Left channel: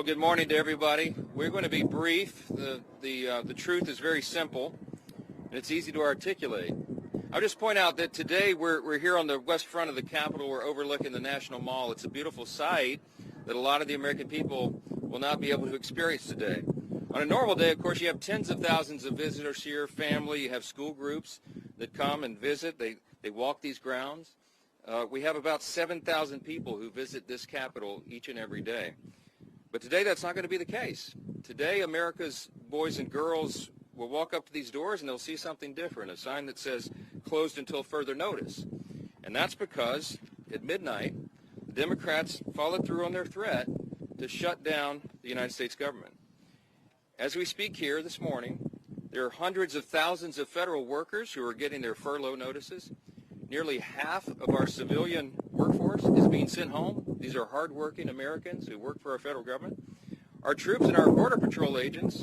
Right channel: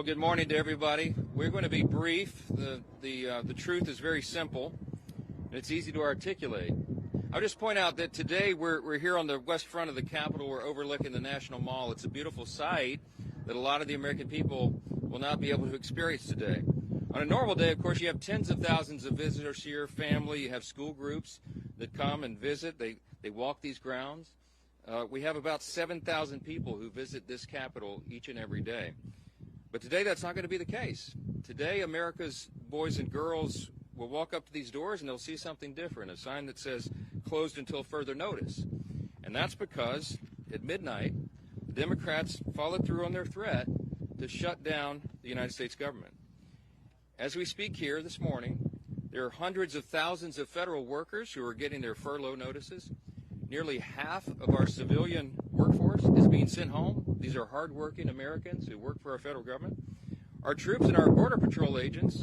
Well, good morning to everybody. We're going to be brief. The truth is very simple, and it's easy to articulate. I'll just point out that today we're here on the west front of the Capitol. We're overlooking the National Mall. It's a beautiful sight that a lot of the American people will not be able to experience today. On a normal day, of course, you have tens of thousands of visitors here, family. You have school groups that come and visit. They walk these grounds. We have about 7,000 people who visit this Capitol each and every day. But today that's not going to be the case. Today America's boys and girls will walk up to these doors and they'll see something different, a sign that says closed until further notice. And that's because at midnight, the Democrats followed through on their threat to shut down the United States government. As we speak here this morning, there are hundreds of thousands of federal workers who are getting their furlough notices. Nearly half of our civilian workforce is being sent home. These are hardworking Americans who work for our federal government. Our troops and our Border Patrol agents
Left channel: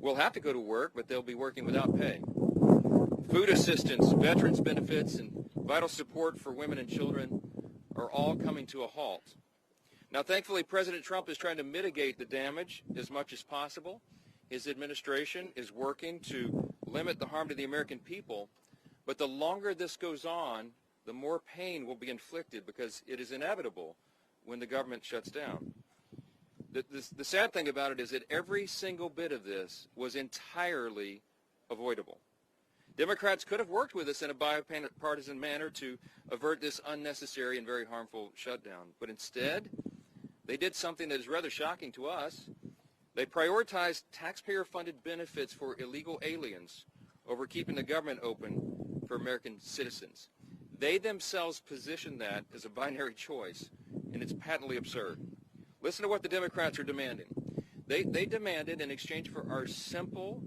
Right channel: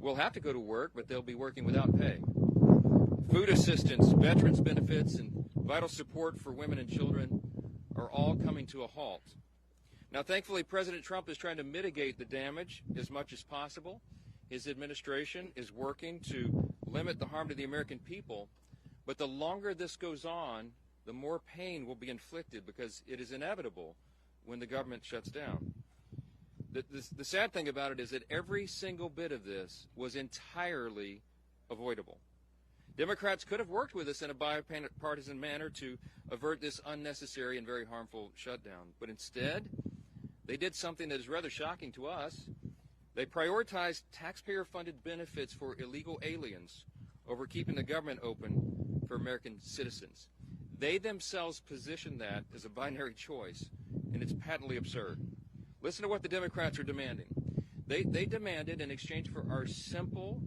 will have to go to work, but they'll be working without pay. Food assistance, veterans benefits, and vital support for women and children are all coming to a halt. Now, thankfully, President Trump is trying to mitigate the damage as much as possible. His administration is working to limit the harm to the American people. But the longer this goes on, the more pain will be inflicted because it is inevitable when the government shuts down. The sad thing about it is that every single bit of this was entirely avoidable. Democrats could have worked with us in a bipartisan manner to avert this unnecessary and very harmful shutdown. But instead, they did something that is rather shocking to us. They prioritized taxpayer-funded benefits for illegal aliens over keeping the government open for American citizens. They themselves position that as a binary choice, and it's patently absurd. Listen to what the Democrats are demanding. They demanded, in exchange for our simple,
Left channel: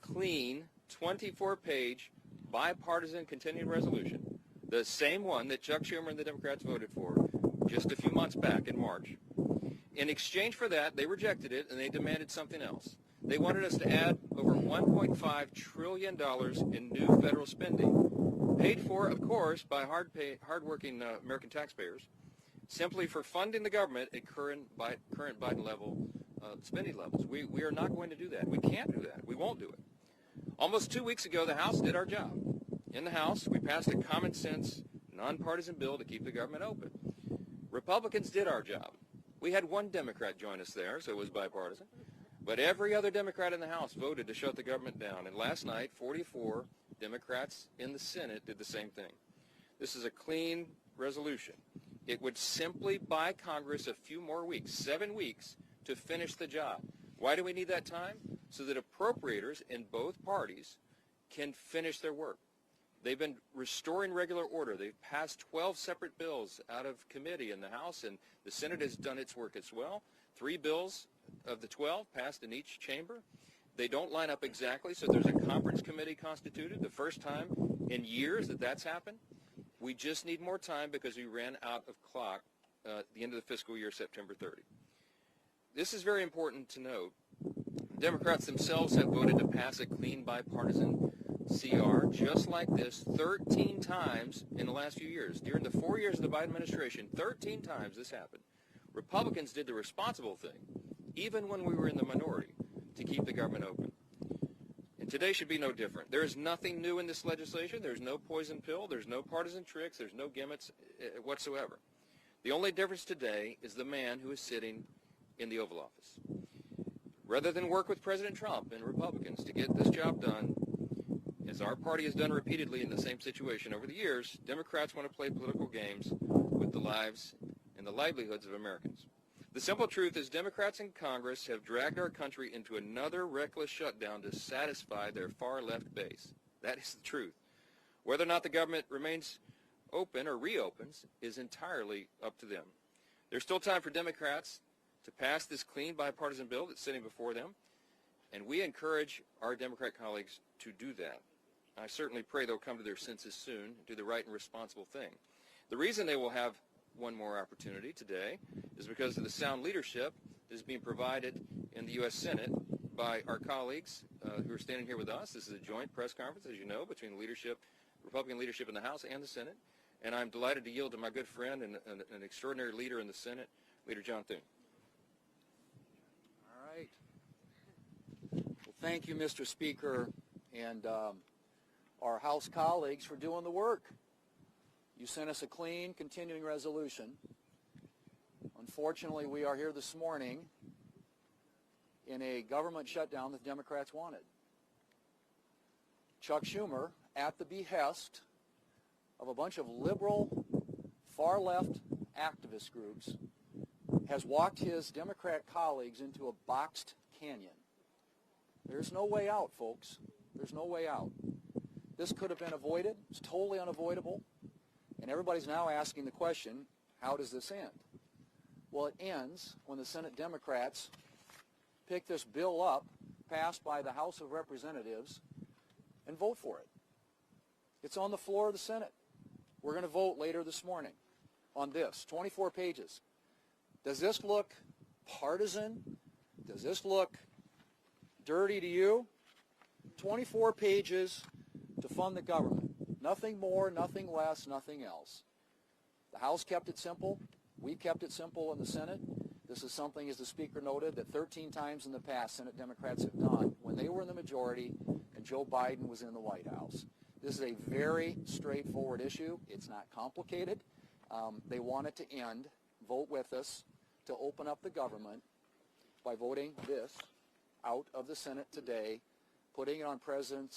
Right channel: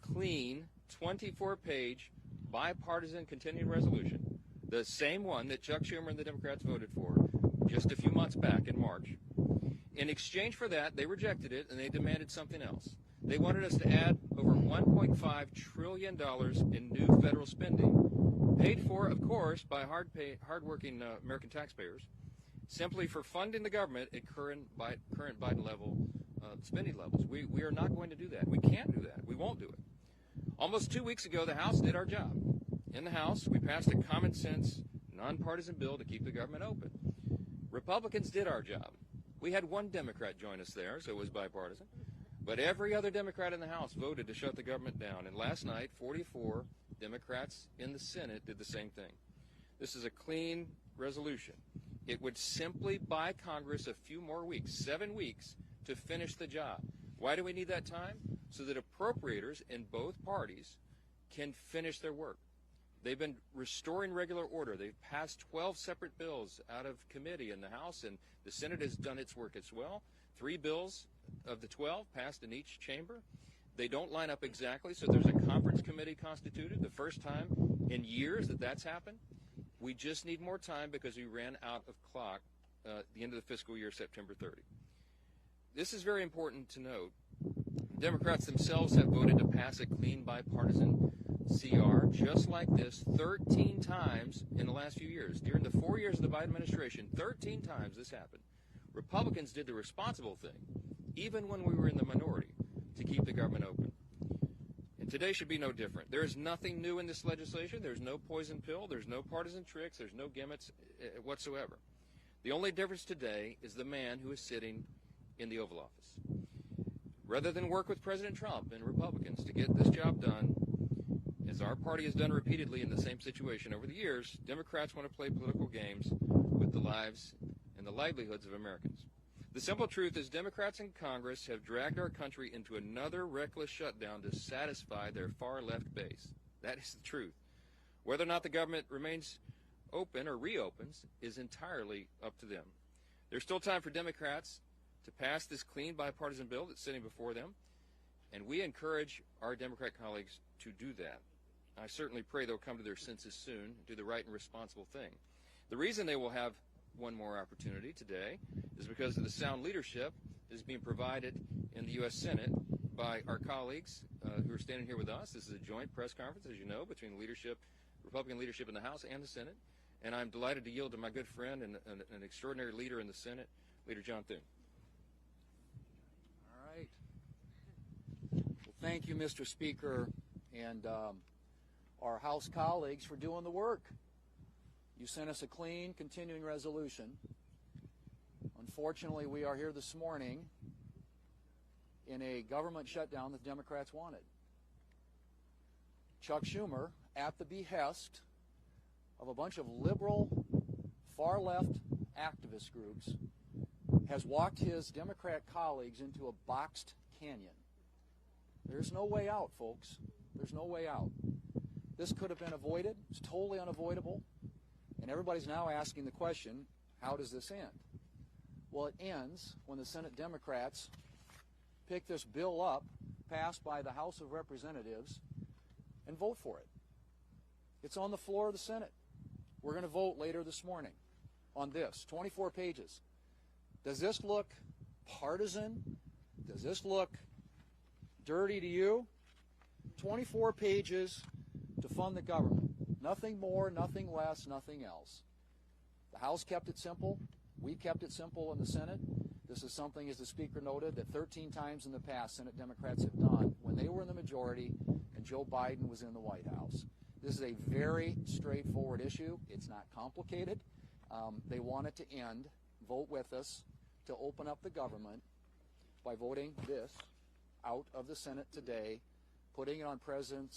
clean, 24-page bipartisan continuing resolution, the same one that Chuck Schumer and the Democrats voted for just a few months back in March. In exchange for that, they rejected it, and they demanded something else. They wanted us to add over $1.5 trillion in new federal spending, paid for, of course, by hardworking American taxpayers, simply for funding the government at current Biden level spending levels. We are not going to do that. We can't do that. We won't do it. Almost 2 weeks ago, the House did our job. In the House, we passed a common sense, nonpartisan bill to keep the government open. Republicans did our job. We had one Democrat join us there, so it was bipartisan. But every other Democrat in the House voted to shut the government down. And last night, 44 Democrats in the Senate did the same thing. This is a clean resolution. It would simply buy Congress a few more weeks, 7 weeks, to finish the job. Why do we need that time? So that appropriators in both parties can finish their work. They've been restoring regular order. They've passed 12 separate bills out of committee in the House, and the Senate has done its work as well. 3 bills of the 12 passed in each chamber. They don't line up exactly, so there's a conference committee constituted, the first time in years that that's happened. We just need more time because we ran out of clock at the end of the fiscal year, September 30. This is very important to note. Democrats themselves have voted to pass a clean bipartisan CR just like this 13 times in the last few years. During the 4 years of the Biden administration, 13 times this happened. Republicans did the responsible thing, even when we were in the minority, to keep the government open. And today should be no different. There is nothing new in this legislation. There's no poison pill. There's no partisan tricks. There's no gimmicks whatsoever. The only difference today is the man who is sitting in the Oval Office. Rather than work with President Trump and Republicans to get this job done, as our party has done repeatedly in the same situation over the years, Democrats want to play political games with the lives and the livelihoods of Americans. The simple truth is Democrats in Congress have dragged our country into another reckless shutdown to satisfy their far-left base. That is the truth. Whether or not the government remains open or reopens is entirely up to them. There's still time for Democrats to pass this clean bipartisan bill that's sitting before them, and we encourage our Democrat colleagues to do that. I certainly pray they'll come to their senses soon and do the right and responsible thing. The reason they will have one more opportunity today is because of the sound leadership that is being provided in the U.S. Senate by our colleagues who are standing here with us. This is a joint press conference, as you know, between the leadership, Republican leadership in the House and the Senate. And I'm delighted to yield to my good friend and an extraordinary leader in the Senate, Leader John Thune. Thank you, Mr. Speaker, and our House colleagues for doing the work. You sent us a clean, continuing resolution. Unfortunately, we are here this morning in a government shutdown that the Democrats wanted. Chuck Schumer, at the behest of a bunch of liberal, far-left activist groups, has walked his Democrat colleagues into a boxed canyon. There's no way out, folks. There's no way out. This could have been avoided. It's totally unavoidable. And everybody's now asking the question, how does this end? Well, it ends when the Senate Democrats pick this bill up, passed by the House of Representatives, and vote for it. It's on the floor of the Senate. We're going to vote later this morning on this, 24 pages. Does this look partisan? Does this look dirty to you? 24 pages to fund the government. Nothing more, nothing less, nothing else. The House kept it simple. We kept it simple in the Senate. This is something, as the Speaker noted, that 13 times in the past Senate Democrats have done when they were in the majority and Joe Biden was in the White House. This is a very straightforward issue. It's not complicated. They want it to end. Vote with us to open up the government by voting this out of the Senate today, putting it on President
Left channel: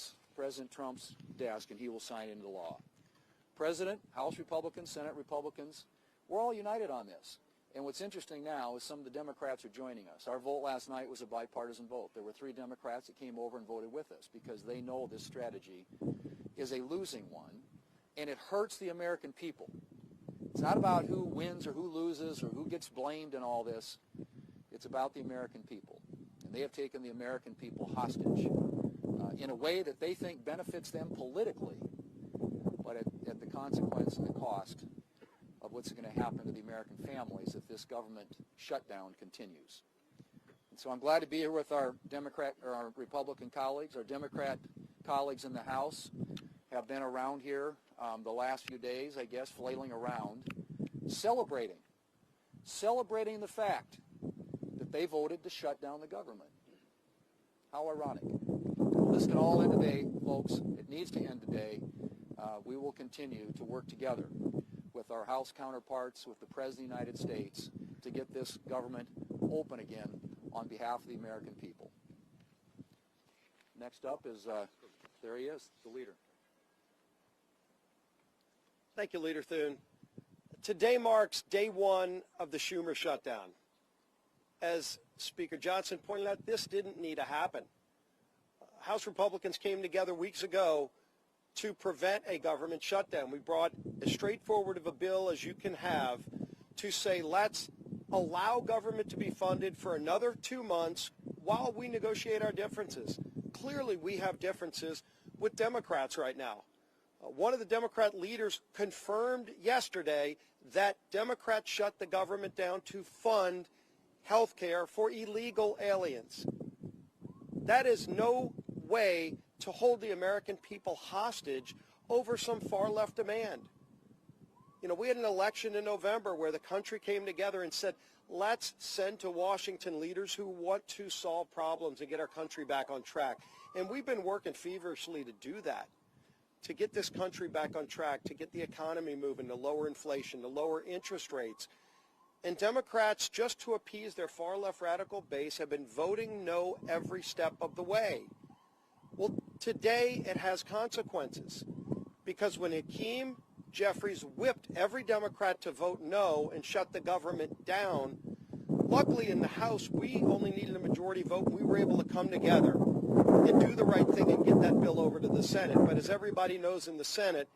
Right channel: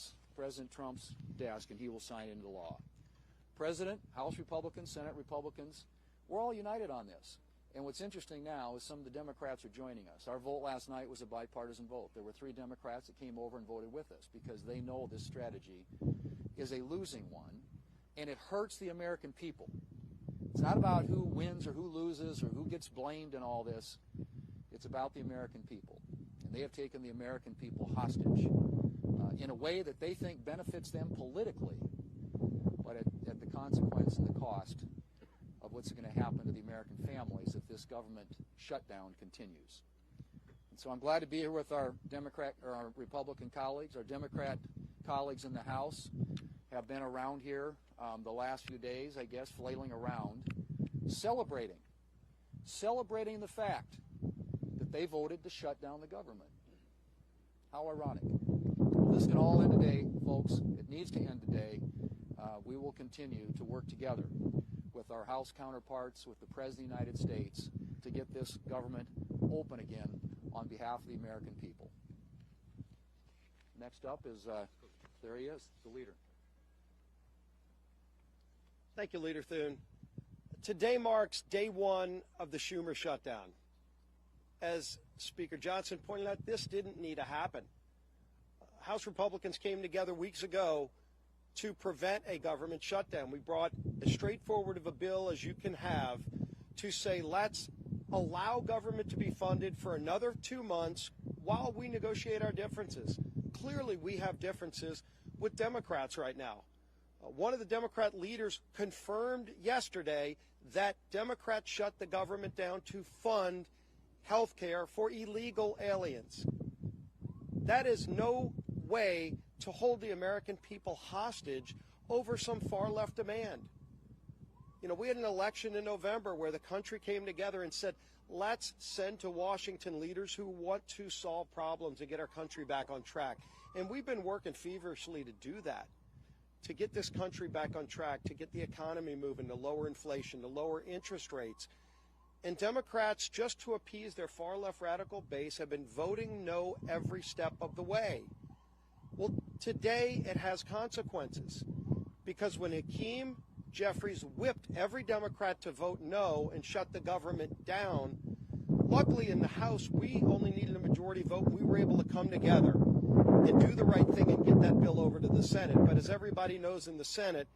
Trump's desk, and he will sign it into law. President, House Republicans, Senate Republicans, we're all united on this. And what's interesting now is some of the Democrats are joining us. Our vote last night was a bipartisan vote. There were 3 Democrats that came over and voted with us because they know this strategy is a losing one, and it hurts the American people. It's not about who wins or who loses or who gets blamed in all this. It's about the American people. And they have taken the American people hostage in a way that they think benefits them politically, but at the consequence and the cost of what's going to happen to the American families if this government shutdown continues. And so I'm glad to be here with our Republican colleagues. Our Democrat colleagues in the House have been around here the last few days, I guess, flailing around, celebrating the fact that they voted to shut down the government. How ironic. Well, this can all end today, folks. It needs to end today. We will continue to work together with our House counterparts, with the President of the United States, to get this government open again on behalf of the American people. Next up is, there he is, the leader. Thank you, Leader Thune. Today marks day 1 of the Schumer shutdown. As Speaker Johnson pointed out, this didn't need to happen. House Republicans came together weeks ago to prevent a government shutdown. We brought as straightforward of a bill as you can have to say, let's allow government to be funded for another 2 months while we negotiate our differences. Clearly, we have differences with Democrats right now. One of the Democrat leaders confirmed yesterday that Democrats shut the government down to fund health care for illegal aliens. That is no way to hold the American people hostage over some far-left demand. You know, we had an election in November where the country came together and said, let's send to Washington leaders who want to solve problems and get our country back on track. And we've been working feverishly to do that, to get this country back on track, to get the economy moving, to lower inflation, to lower interest rates. And Democrats, just to appease their far-left radical base, have been voting no every step of the way. Well, today it has consequences, because when Hakeem Jeffries whipped every Democrat to vote no and shut the government down, luckily in the House we only needed a majority vote, and we were able to come together and do the right thing and get that bill over to the Senate. But as everybody knows in the Senate,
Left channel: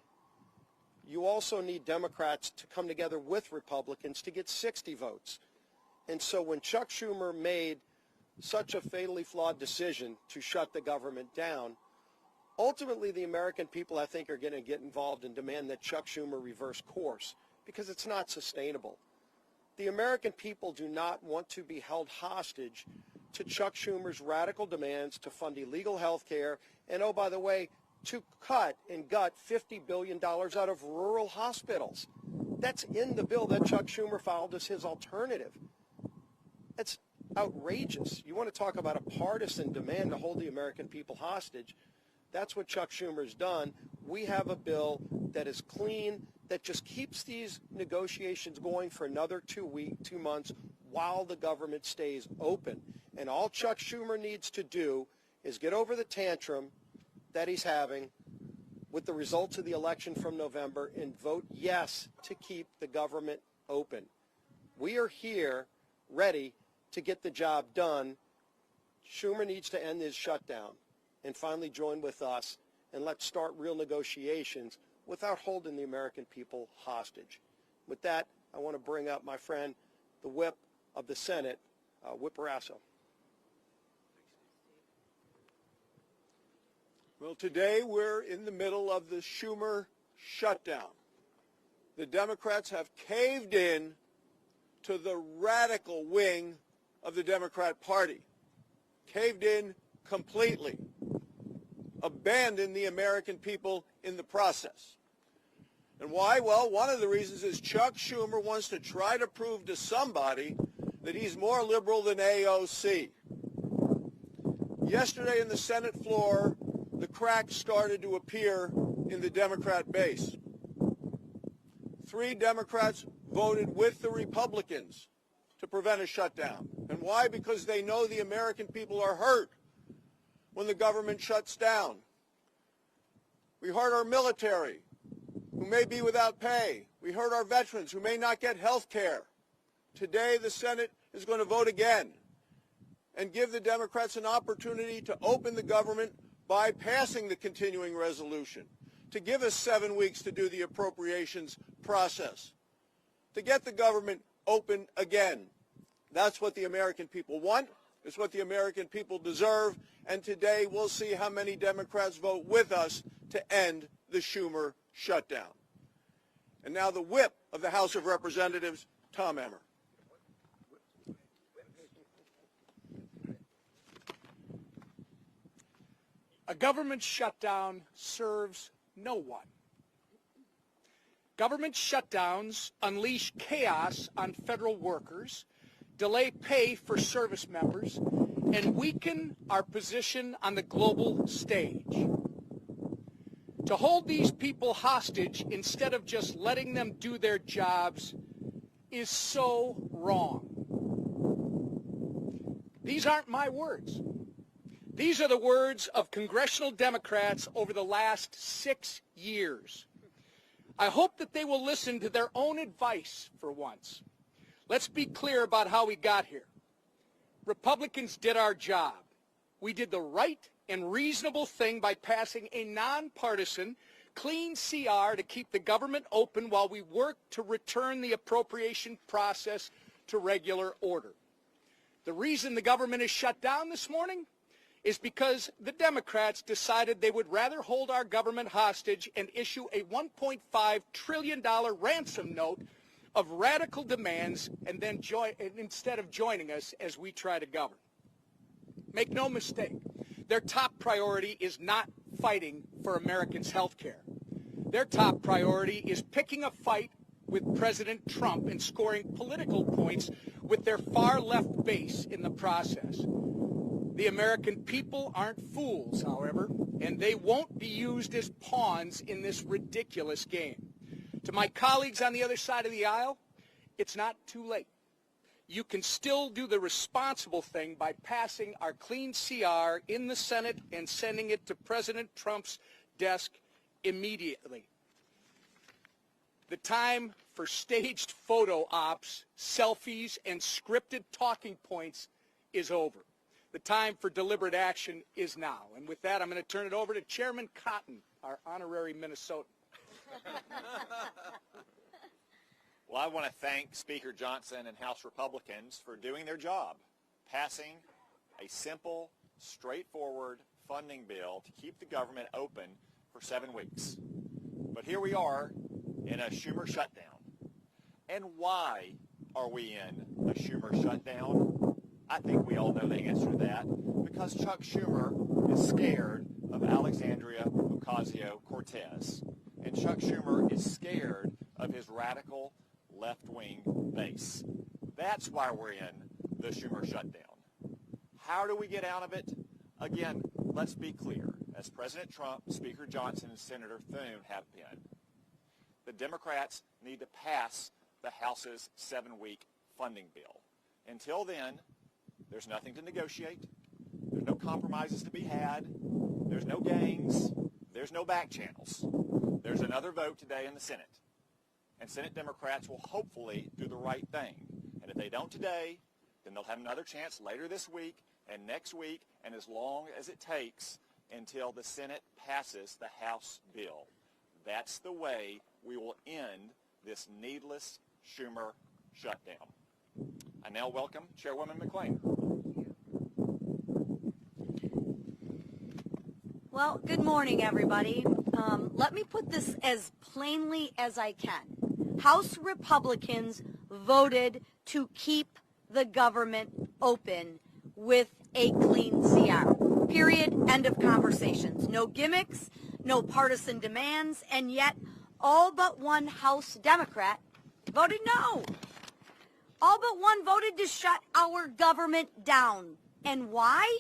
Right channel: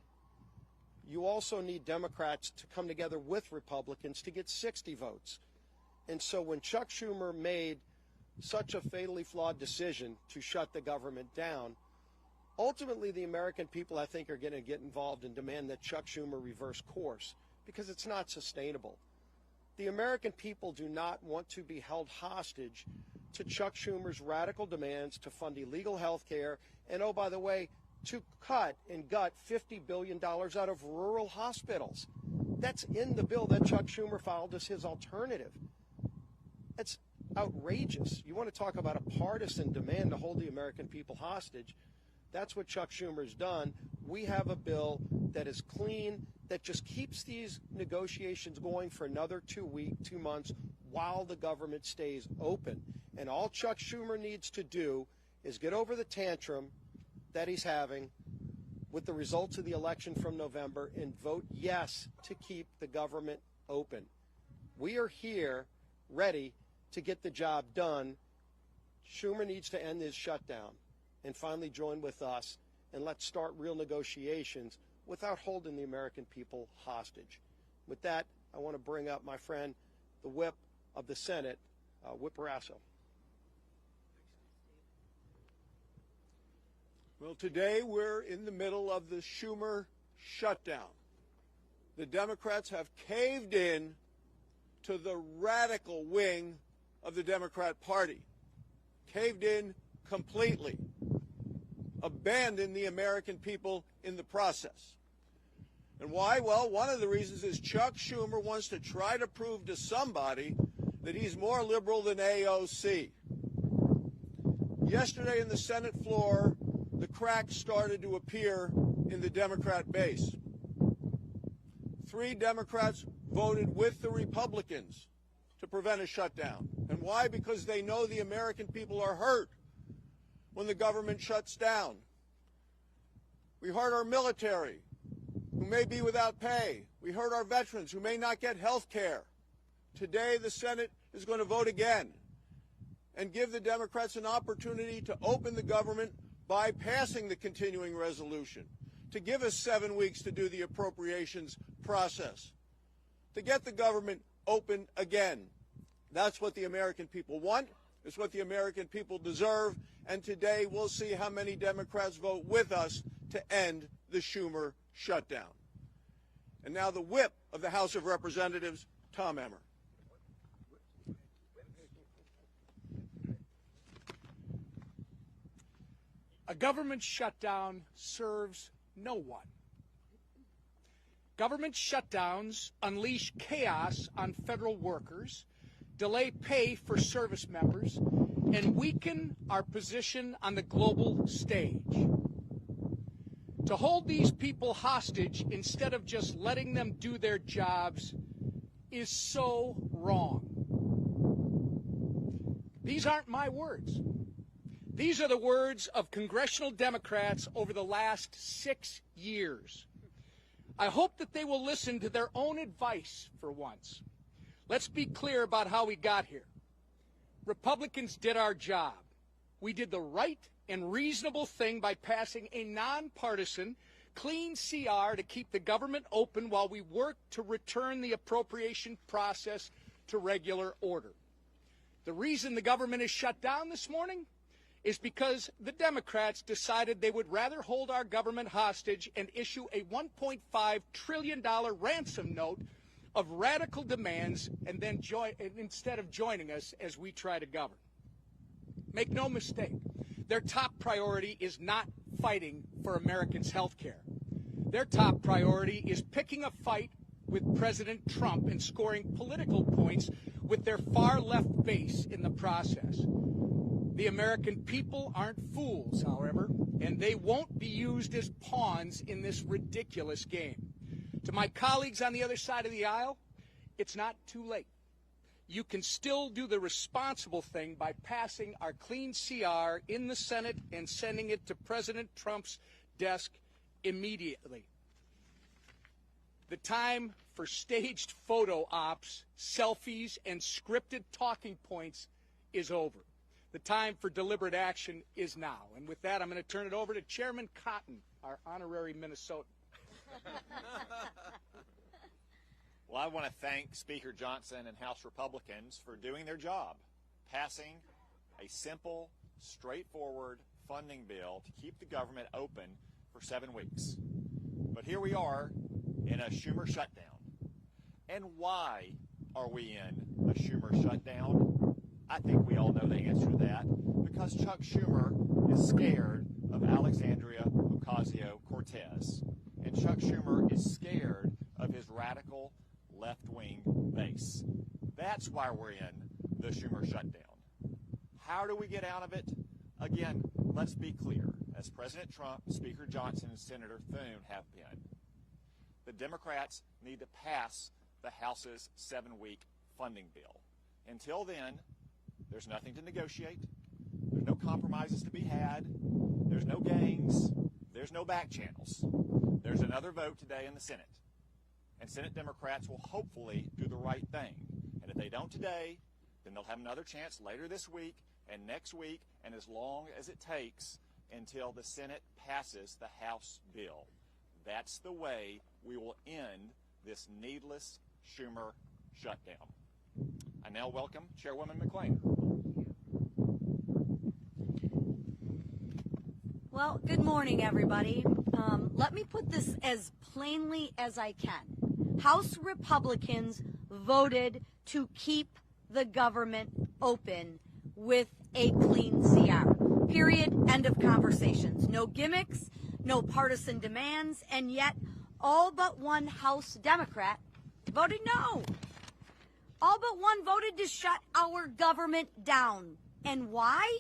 you also need Democrats to come together with Republicans to get 60 votes. And so when Chuck Schumer made such a fatally flawed decision to shut the government down, ultimately the American people, I think, are going to get involved and demand that Chuck Schumer reverse course, because it's not sustainable. The American people do not want to be held hostage to Chuck Schumer's radical demands to fund illegal health care and, oh, by the way, to cut and gut $50 billion out of rural hospitals. That's in the bill that Chuck Schumer filed as his alternative. It's outrageous. You want to talk about a partisan demand to hold the American people hostage? That's what Chuck Schumer's done. We have a bill that is clean, that just keeps these negotiations going for another 2 months while the government stays open. And all Chuck Schumer needs to do is get over the tantrum that he's having with the results of the election from November and vote yes to keep the government open. We are here ready to get the job done. Schumer needs to end his shutdown and finally join with us, and let's start real negotiations without holding the American people hostage. With that, I want to bring up my friend, the whip of the Senate, Whip Barrasso. Well, today we're in the middle of the Schumer shutdown. The Democrats have caved in to the radical wing of the Democrat Party, caved in completely, abandoned the American people in the process. And why? Well, one of the reasons is Chuck Schumer wants to try to prove to somebody that he's more liberal than AOC. Yesterday in the Senate floor, the cracks started to appear in the Democrat base. 3 Democrats voted with the Republicans to prevent a shutdown. And why? Because they know the American people are hurt when the government shuts down. We hurt our military, who may be without pay. We hurt our veterans, who may not get health care. Today, the Senate is going to vote again and give the Democrats an opportunity to open the government by passing the continuing resolution, to give us 7 weeks to do the appropriations process, to get the government open again. That's what the American people want. It's what the American people deserve. And today we'll see how many Democrats vote with us to end the Schumer shutdown. And now the whip of the House of Representatives, Tom Emmer. A government shutdown serves no one. Government shutdowns unleash chaos on federal workers, delay pay for service members, and weaken our position on the global stage. To hold these people hostage instead of just letting them do their jobs is so wrong. These aren't my words. These are the words of congressional Democrats over the last 6 years. I hope that they will listen to their own advice for once. Let's be clear about how we got here. Republicans did our job. We did the right and reasonable thing by passing a nonpartisan, clean CR to keep the government open while we work to return the appropriation process to regular order. The reason the government is shut down this morning is because the Democrats decided they would rather hold our government hostage and issue a $1.5 trillion ransom note of radical demands and then instead of joining us as we try to govern. Make no mistake, their top priority is not fighting for Americans' health care. Their top priority is picking a fight with President Trump and scoring political points with their far-left base in the process. The American people aren't fools, however, and they won't be used as pawns in this ridiculous game. To my colleagues on the other side of the aisle, it's not too late. You can still do the responsible thing by passing our clean CR in the Senate and sending it to President Trump's desk immediately. The time for staged photo ops, selfies, and scripted talking points is over. The time for deliberate action is now. And with that, I'm going to turn it over to Chairman Cotton, our honorary Minnesotan. Well, I want to thank Speaker Johnson and House Republicans for doing their job, passing a simple, straightforward funding bill to keep the government open for 7 weeks. But here we are in a Schumer shutdown. And why are we in a Schumer shutdown? I think we all know the answer to that. Because Chuck Schumer is scared of Alexandria Ocasio-Cortez. And Chuck Schumer is scared of his radical left-wing base. That's why we're in the the Schumer shutdown. How do we get out of it? Again, let's be clear. As President Trump, Speaker Johnson, and Senator Thune have been, the Democrats need to pass the House's 7-week funding bill. Until then, there's nothing to negotiate. There's no compromises to be had. There's no games. There's no back channels. There's another vote today in the Senate. And Senate Democrats will hopefully do the right thing. And if they don't today, then they'll have another chance later this week and next week and as long as it takes until the Senate passes the House bill. That's the way we will end this needless Schumer shutdown. I now welcome Chairwoman McClain. Well, good morning, everybody. Let me put this as plainly as I can. House Republicans voted to keep the government open with a clean CR. Period. End of conversations. No gimmicks, no partisan demands, and yet all but one House Democrat voted no. All but one voted to shut our government down. And why?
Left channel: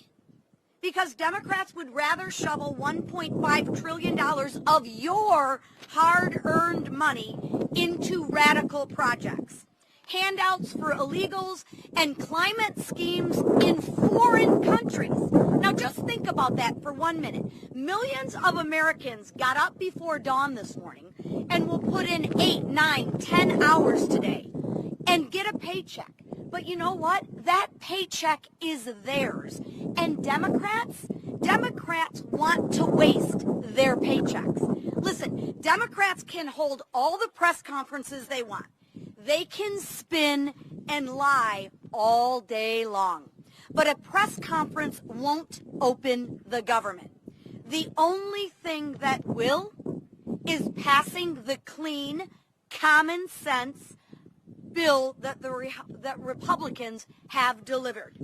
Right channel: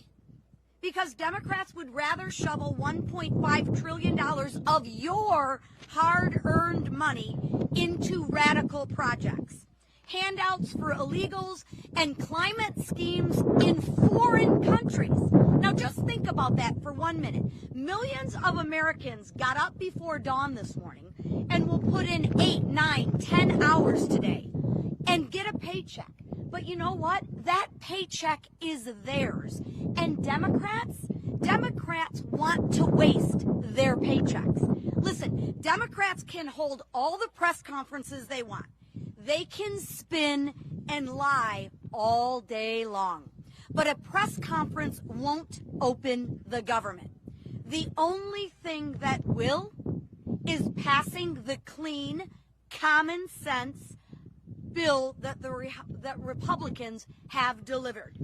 Because Democrats would rather shovel $1.5 trillion of your hard-earned money into radical projects, handouts for illegals, and climate schemes in foreign countries. Now just think about that for 1 minute. Millions of Americans got up before dawn this morning and will put in 8, 9, 10 hours today and get a paycheck. But you know what? That paycheck is theirs. And Democrats want to waste their paychecks. Listen, Democrats can hold all the press conferences they want. They can spin and lie all day long. But a press conference won't open the government. The only thing that will is passing the clean, common sense bill that that Republicans have delivered.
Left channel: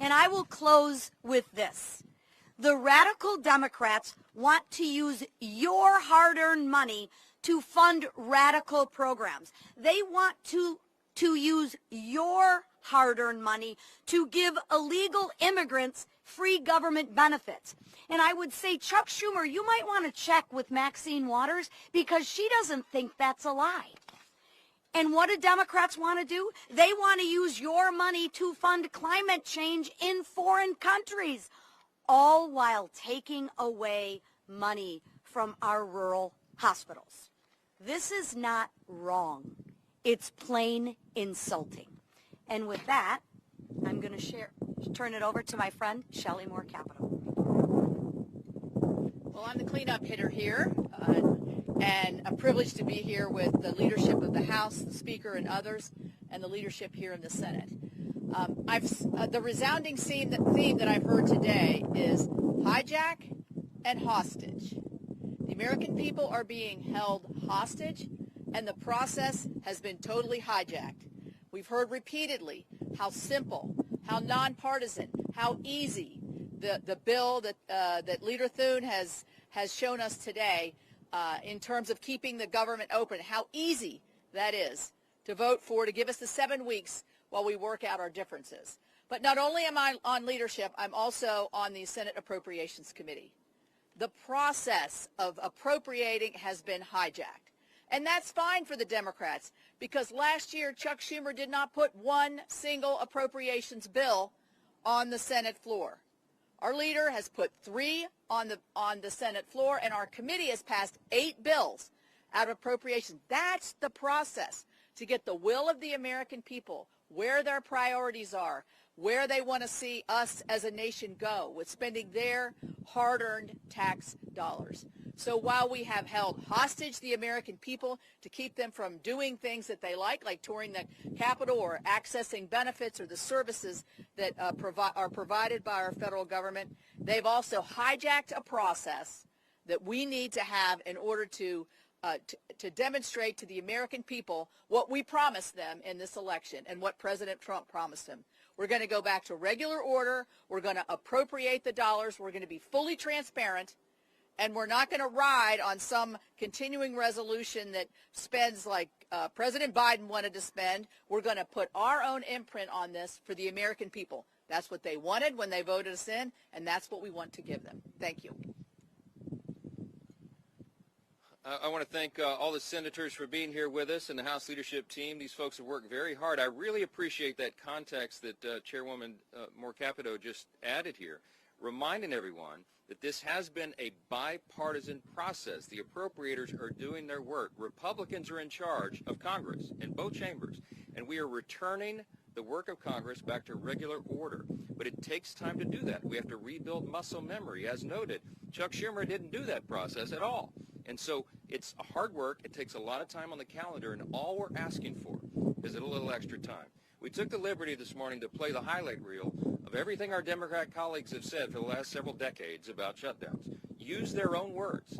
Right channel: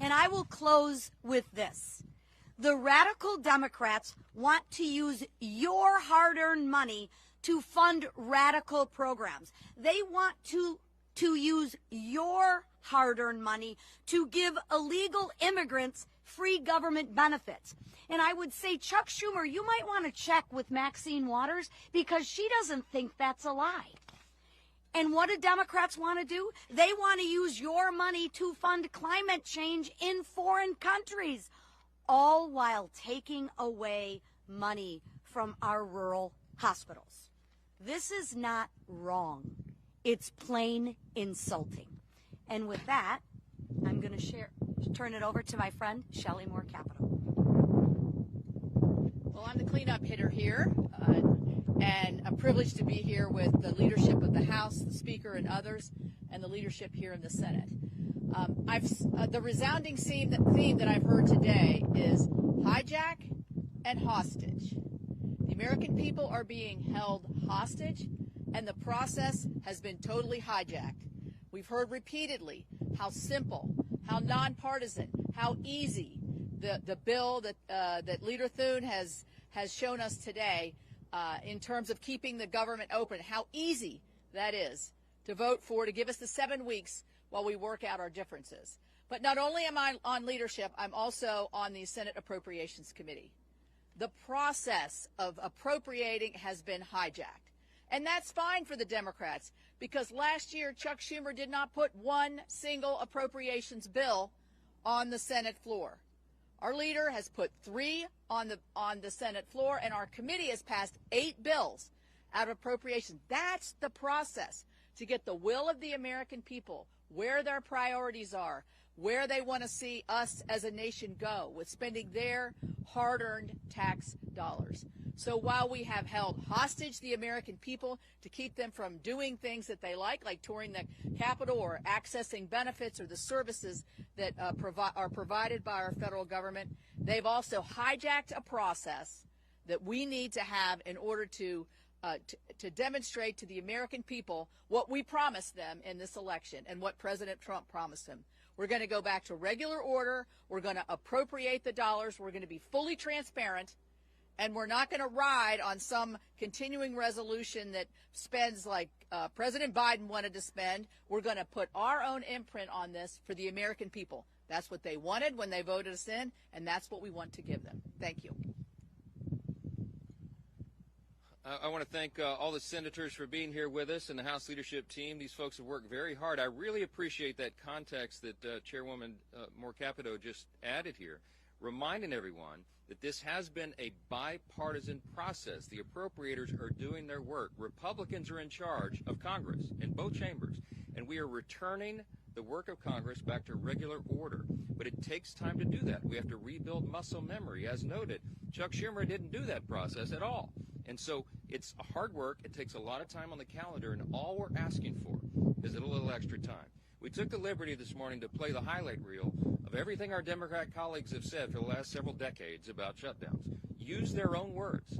And I will close with this. The radical Democrats want to use your hard-earned money to fund radical programs. They want to use your hard-earned money to give illegal immigrants free government benefits. And I would say, Chuck Schumer, you might want to check with Maxine Waters because she doesn't think that's a lie. And what do Democrats want to do? They want to use your money to fund climate change in foreign countries, all while taking away money from our rural hospitals. This is not wrong. It's plain insulting. And with that, I'm going to turn it over to my friend, Shelley Moore Capital. Well, I'm the cleanup hitter here, and a privilege to be here with the leadership of the House, the Speaker, and others, and the leadership here in the Senate. The resounding theme that I've heard today is hijack and hostage. The American people are being held hostage, and the process has been totally hijacked. We've heard repeatedly how simple, how nonpartisan, how easy the bill that Leader Thune has shown us today in terms of keeping the government open, how easy that is to vote for, to give us the 7 weeks while we work out our differences. But not only am I on leadership, I'm also on the Senate Appropriations Committee. The process of appropriating has been hijacked. And that's fine for the Democrats, because last year Chuck Schumer did not put one single appropriations bill on the Senate floor. Our leader has put 3 on the Senate floor, and our committee has passed 8 bills out of appropriations. That's the process to get the will of the American people, where their priorities are, where they want to see us as a nation go with spending their hard-earned tax dollars. So while we have held hostage the American people to keep them from doing things that they like touring the Capitol or accessing benefits or the services that are provided by our federal government, they've also hijacked a process that we need to have in order to demonstrate to the American people what we promised them in this election and what President Trump promised them. We're going to go back to regular order. We're going to appropriate the dollars. We're going to be fully transparent. And we're not going to ride on some continuing resolution that spends like President Biden wanted to spend. We're going to put our own imprint on this for the American people. That's what they wanted when they voted us in, and that's what we want to give them. Thank you. I want to thank all the senators for being here with us and the House leadership team. These folks have worked very hard. I really appreciate that context that Chairwoman Moore Capito just added here, reminding everyone that this has been a bipartisan process. The appropriators are doing their work. Republicans are in charge of Congress in both chambers, and we are returning the work of Congress back to regular order. But it takes time to do that. We have to rebuild muscle memory. As noted, Chuck Schumer didn't do that process at all. And so it's hard work. It takes a lot of time on the calendar, and all we're asking for is a little extra time. We took the liberty this morning to play the highlight reel of everything our Democrat colleagues have said for the last several decades about shutdowns. Use their own words.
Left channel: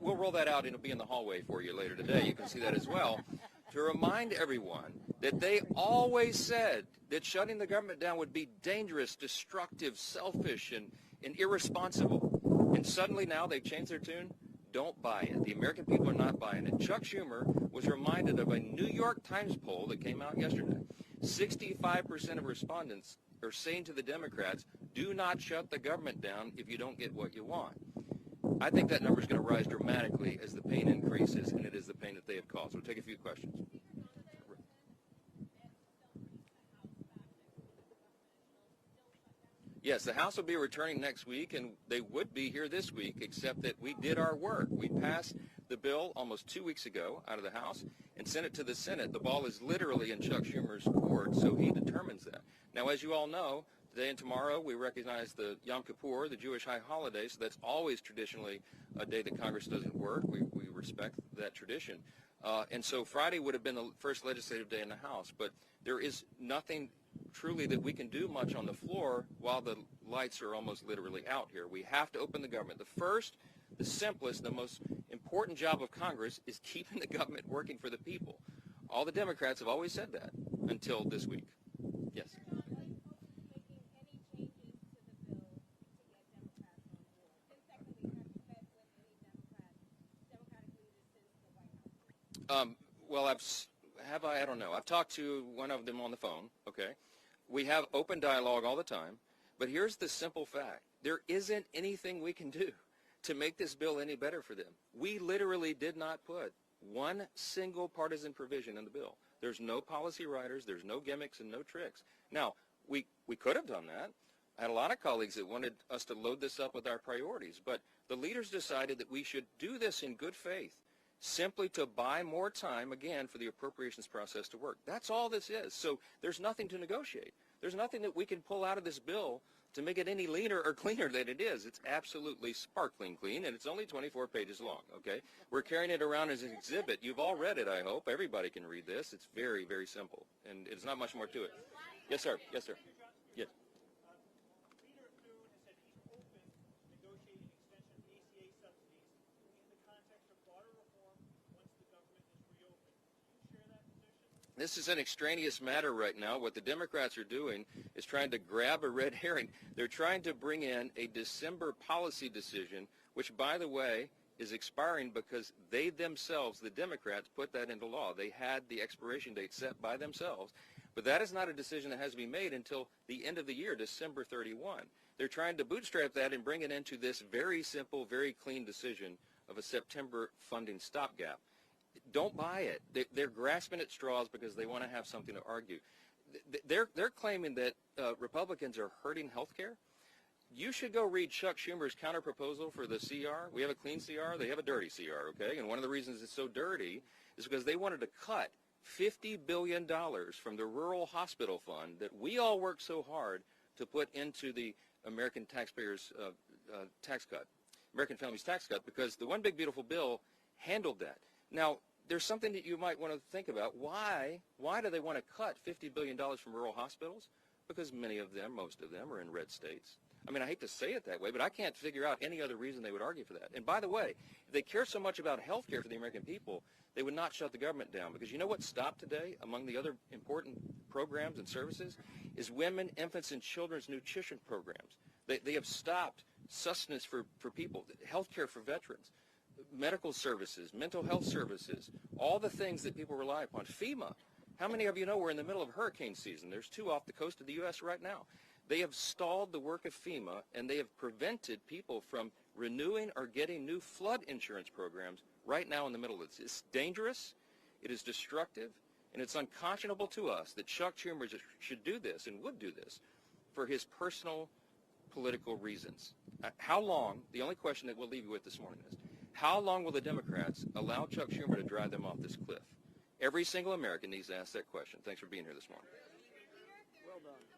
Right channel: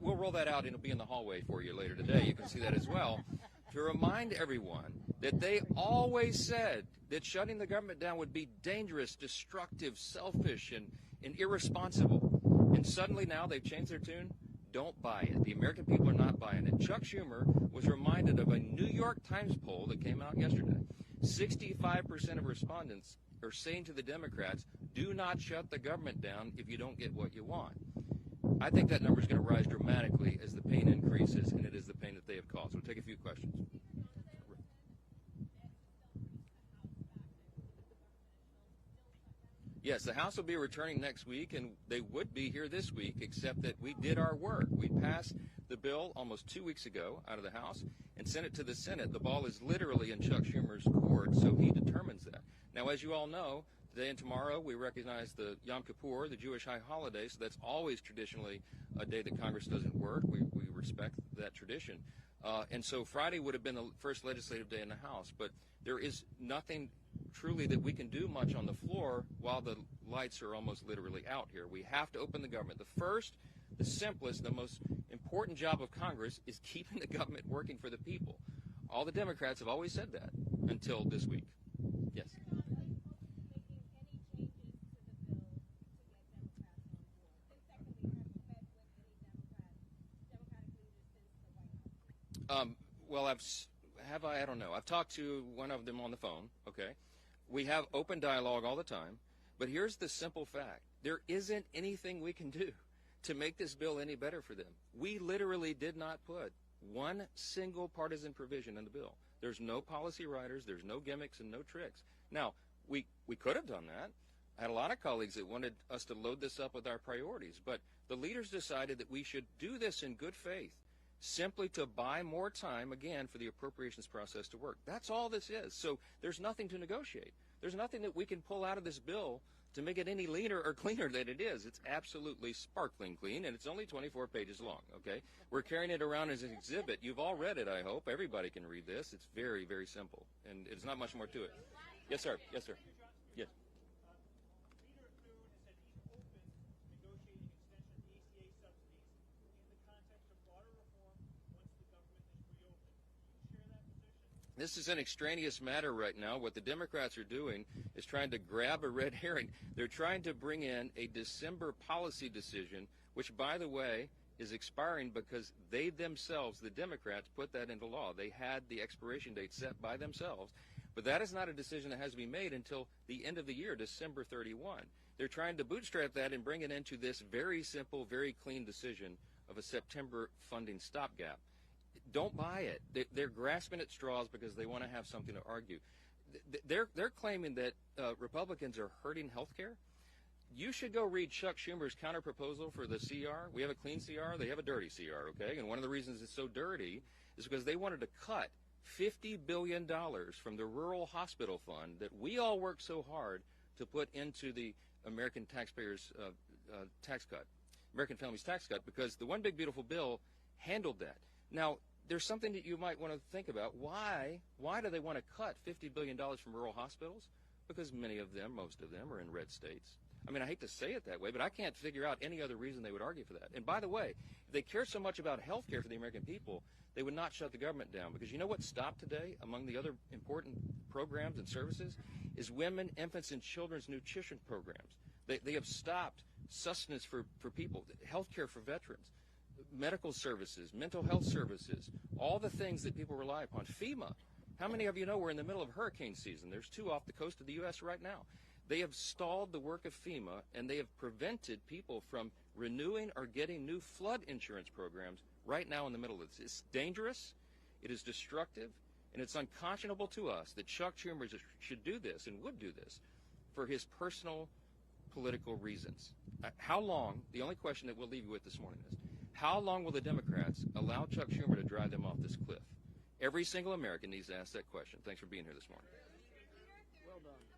We'll roll that out, and it'll be in the hallway for you later today. You can see that as well. To remind everyone that they always said that shutting the government down would be dangerous, destructive, selfish, and irresponsible. And suddenly now they've changed their tune. Don't buy it. The American people are not buying it. Chuck Schumer was reminded of a New York Times poll that came out yesterday. 65% of respondents are saying to the Democrats, do not shut the government down if you don't get what you want. I think that number is going to rise dramatically as the pain increases, and it is the pain that they have caused. We'll take a few questions. Yes, the House will be returning next week, and they would be here this week, except that we did our work. We passed the bill almost 2 weeks ago out of the House and sent it to the Senate. The ball is literally in Chuck Schumer's court, so he determines that. Now, as you all know, today and tomorrow we recognize the Yom Kippur, the Jewish high holiday, so that's always traditionally a day that Congress doesn't work. We respect that tradition. And so Friday would have been the first legislative day in the House, but there is nothing truly that we can do much on the floor while the lights are almost literally out here. We have to open the government. The first, the simplest, the most important job of Congress is keeping the government working for the people. All the Democrats have always said that until this week. Yes. Well, I don't know. I've talked to one of them on the phone, okay? We have open dialogue all the time, but here's the simple fact. There isn't anything we can do to make this bill any better for them. We literally did not put one single partisan provision in the bill. There's no policy writers, there's no gimmicks and no tricks. Now, we could have done that. I had a lot of colleagues that wanted us to load this up with our priorities, but the leaders decided that we should do this in good faith, simply to buy more time, again, for the appropriations process to work. That's all this is. So there's nothing to negotiate. There's nothing that we can pull out of this bill to make it any leaner or cleaner than it is. It's absolutely sparkling clean, and it's only 24 pages long, okay? We're carrying it around as an exhibit. You've all read it, I hope. Everybody can read this. It's very, very simple, and it's not much more to it. Yes, sir. Yes, sir. Yes. Leader Thune has said he's open to negotiating extension of ACA subsidies in the context of broader reform once the government is reopened. Do you share that position? This is an extraneous matter right now. What the Democrats are doing is trying to grab a red herring. They're trying to bring in a December policy decision, which, by the way, is expiring because they themselves, the Democrats, put that into law. They had the expiration date set by themselves. But that is not a decision that has to be made until the end of the year, December 31. They're trying to bootstrap that and bring it into this very simple, very clean decision of a September funding stopgap. Don't buy it. They're grasping at straws because they want to have something to argue. They're claiming that Republicans are hurting health care. You should go read Chuck Schumer's counterproposal for the CR. We have a clean CR. They have a dirty CR, okay? And one of the reasons it's so dirty is because they wanted to cut $50 billion from the rural hospital fund that we all worked so hard to put into the American taxpayers' tax cut, American families' tax cut, because the One Big Beautiful Bill handled that. Now, there's something that you might want to think about. Why do they want to cut $50 billion from rural hospitals? Because many of them, most of them, are in red states. I mean, I hate to say it that way, but I can't figure out any other reason they would argue for that. And by the way, if they care so much about health care for the American people, they would not shut the government down. Because you know what stopped today among the other important programs and services is women, infants, and children's nutrition programs. They have stopped sustenance for people, health care for veterans, medical services, mental health services, all the things that people rely upon. FEMA. How many of you know we're in the middle of hurricane season? There's 2 off the coast of the U.S. right now. They have stalled the work of FEMA, and they have prevented people from renewing or getting new flood insurance programs right now in the middle of this. It's dangerous, it is destructive, and it's unconscionable to us that Chuck Schumer should do this and would do this for his personal political reasons. How long, the only question that we'll leave you with this morning is, how long will the Democrats allow Chuck Schumer to drive them off this cliff? Every single American needs to ask that question. Thanks for being here this morning. Well done.